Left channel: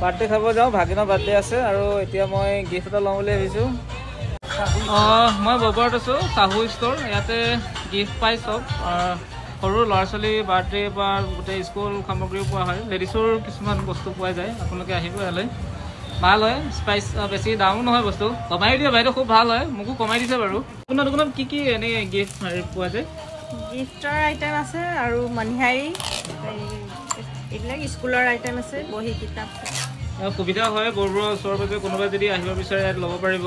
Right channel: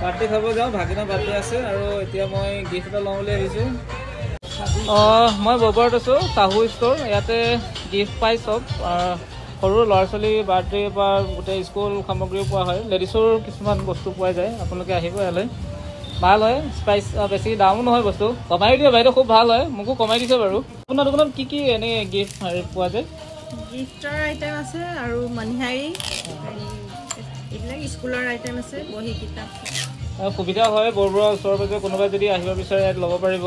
birthday খাব যাওঁ ভাগিনৰ birthday আছে আৰু এতিয়া মই গিফ্ট এটা লওঁ বুলি আহিছোঁ মই ববৰত আছোঁ চাহু ষ্ট'ৰ ইয়াতে গিফ্ট পাই চব সৰু ল'ৰা ছোৱালী বাৰ্থডে বা গোটেই স্কুল সামগ্ৰীও পোৱা হয় লেডিছৰ কিছুমান বস্তু পোৱা যায় আপোনালোকে আহিব ইয়ালৈ ভাল হয় স্পাইচ বেছি দামো নহয় বস্তু কমাই দিয়ে বাইদেউ খুব ভাল হয় মোকো কমাই দিছে বাৰু আপোনাৰ দোকানত কি কি এনেই গিফ্ট পোৱা যায় গিফ্টৰ আইটেম আছে আৰু মণিহাৰী এইবিলাক স্কুলৰ আইটেম আছে বহি কিতাপ সুবিধা হয় বৰবৰুৱা ওচৰে পাজৰে কোনোবা যদি আহিব বিচাৰে ইয়াত ল'ব পাৰিব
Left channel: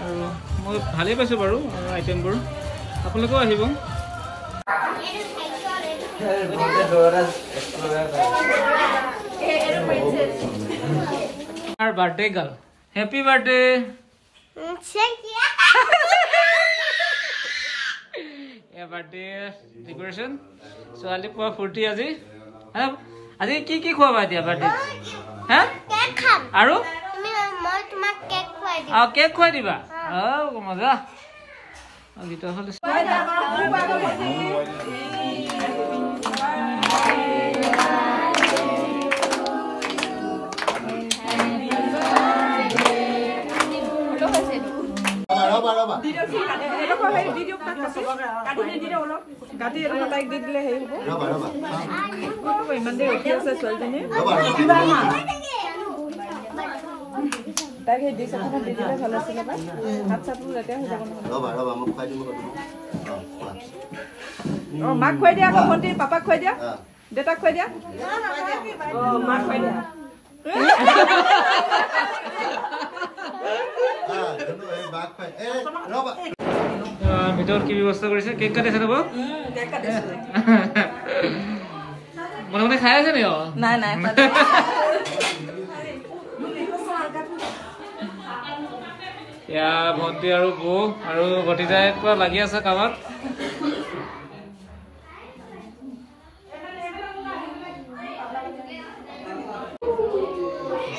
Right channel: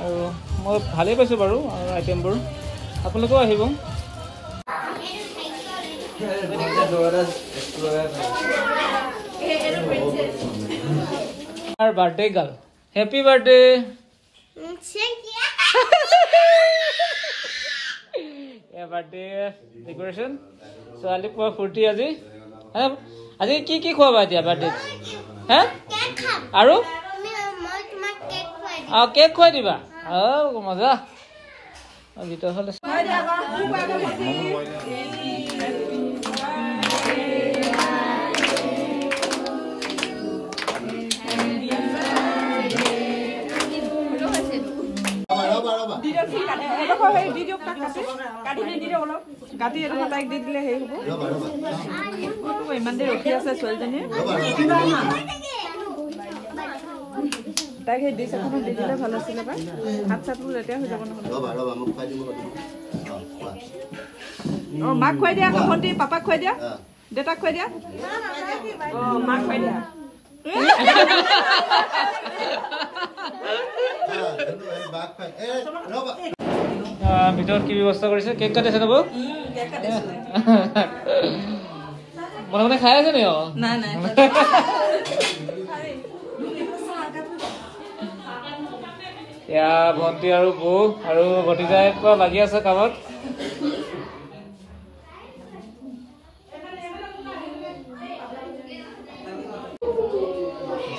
আৰু মই ভালেই পাইছোঁ বাৰু আইটেমবোৰ আপোনালোকেও আহিব birthday girl happy birthday birthday decoration ছোৱালী পুৱা ফূৰ্তি আজি আজি কি কি খোৱাবা এতিয়া বাৰ্থডে আৰু কেক খুৱাই দিবা মজা ভিতৰ ফালে ইমান দেৰি ৰখি আছে ছোৱালীজনীয়ে তাইক সেই ডিছ এখনত দি দিলে ভাল আছিলে বা হাত চাতবোৰ লেতেৰা হৈ যাব নহয় মাক খুৱাই দিয়া আকৌ ভণ্টি পাপাক খুৱাই দিয়া দেউতাক খুৱাই দিয়া মাক খুৱাই দিয়া ভিতৰত কি ব্যৱস্থা কৰিছে কেক কাটিছে নব মনে মনে খাই আছে নি নাই নাই এয়া ভণ্টি আৰু বৌ আৰু ভতিজাই লাগি আছে কামত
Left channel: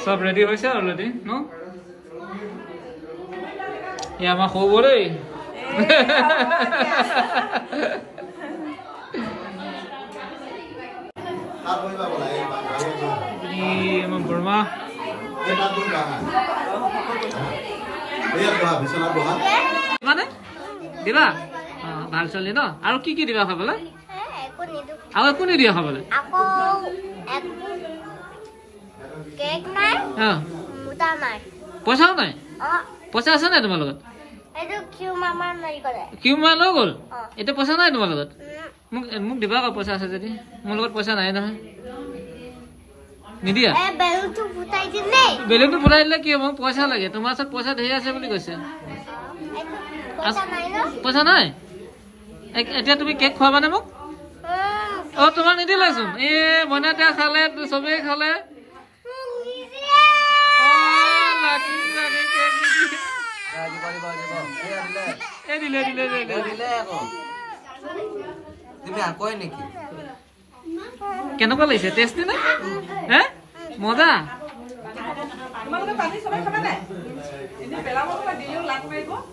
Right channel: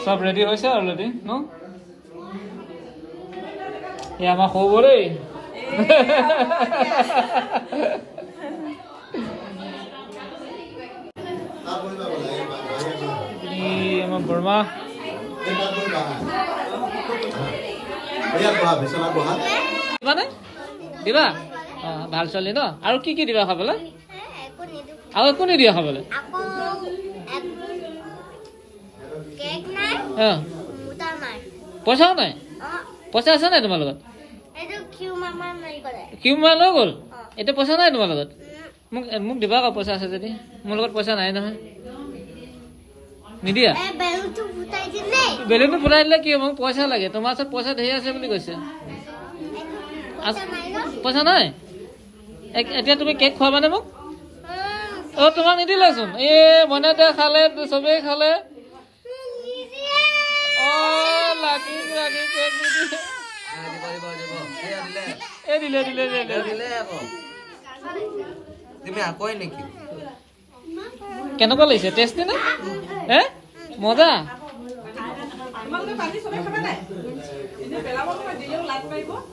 চব ৰেডি হৈছে অলৰেডি ন এয়া আমাৰ সৰু বৌ দেই আমাৰ বৰমা দিবা ভাল ছোৱালী ন আৰু কি কি দিবা খাবলৈ আৰু একো নিদিয়া খাবলৈ পইচাও নাই পইচা আছে নাই তোমাৰ লগত কিউ মাৰ লৈ গ'ল এতিয়া পইচা নাই তোমাৰ লগত মোক দিবা আকৌ পইচা আছে যদি মোৰ লগত পইচা নাই নহয় নিদিয়া বেলুনটো ফুটাই দিলে কি হ'ব মোক পইচা লাগে তোমাৰ ওচৰত পইচা ধেৰ আছে বুলি কৈছে পইচা নাই এতিয়া তুমি কেক খুৱাবানে মোক তোমাক নিদিলেচোন মনে দিয়া খালে চবেই খালে কেনেকুৱা লাগিছে টেষ্টি নে মজা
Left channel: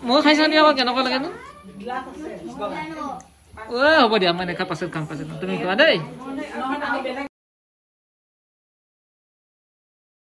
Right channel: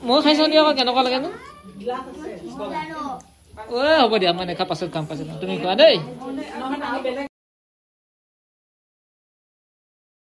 মই খাইছা দিয়া আকৌ কেনেকুৱা লাগে নো হ'ব দিয়া মই দেখা পাছত কাম পাছত তুমি কোৱা দেই